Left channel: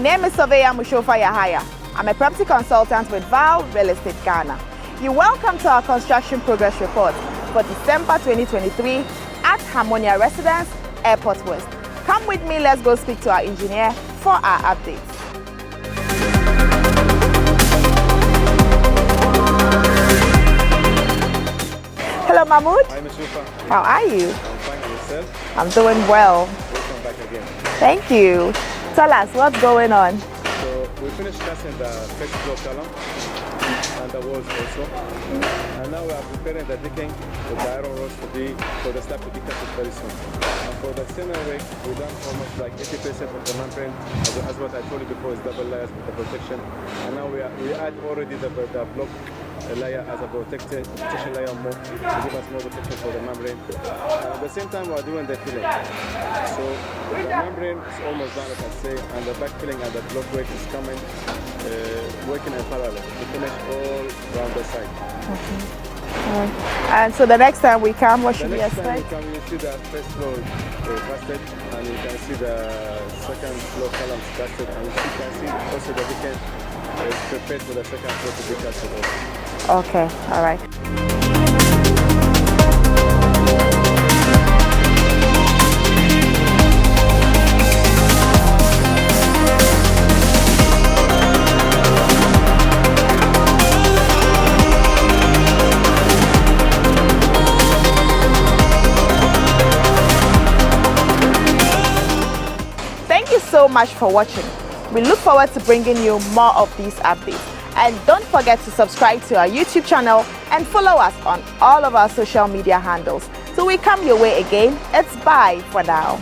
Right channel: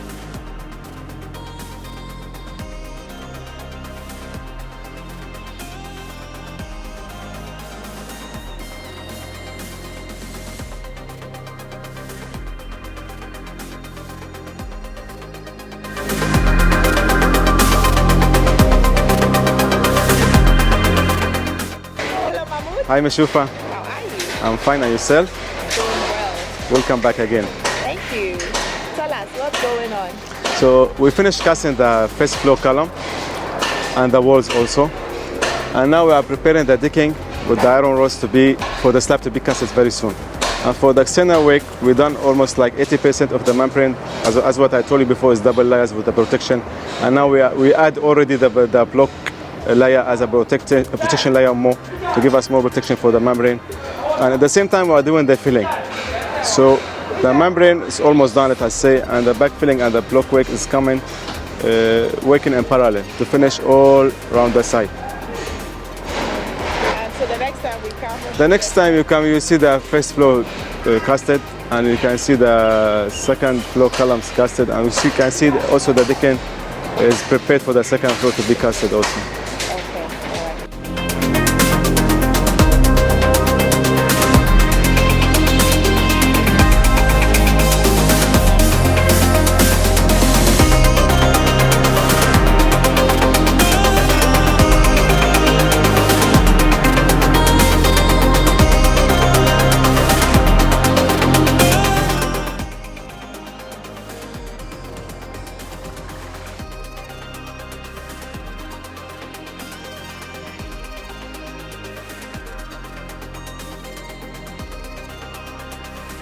name is Surveyor Mushofa Yahaya. I'm a property consultant with Val Real Estate Ghana. You're welcome to our construction progress report for December 2023 at Harmonia Residence, Airport West. Come with me, let's go speak to our engineer for our updates. Hello, Mahmoud. Hi, Mushofa. How are you? I'm fine, and yourself? I'm doing well. Welcome back again. Thank you. Tell us what's going on. So we finished casting the first floor column and the walls also. And now we are preparing the decking with the iron rods for the slab to be casted very soon. And for the external work, we've done almost like 80% of the membrane, as what I told you before, is double layers with the protection. And now we add already the block layer as a protection layer more to give us more protection for the membrane. And at the same time, we are doing the filling. So the membrane is almost done, let us say, and the backfilling and the block work is coming, working in parallel to finish all around the site. And so the next time we come, the next time you come, you see the first floor casted, and you can see the second floor columns casted, and you can see also the decking is prepared for the second floor to be casted also. Okay, all right. Thank you so much for watching. We look forward to bringing you more of these updates. And don't forget to subscribe to our YouTube channel and follow us on all of our social media handles. Till we come your way again, it's bye for now.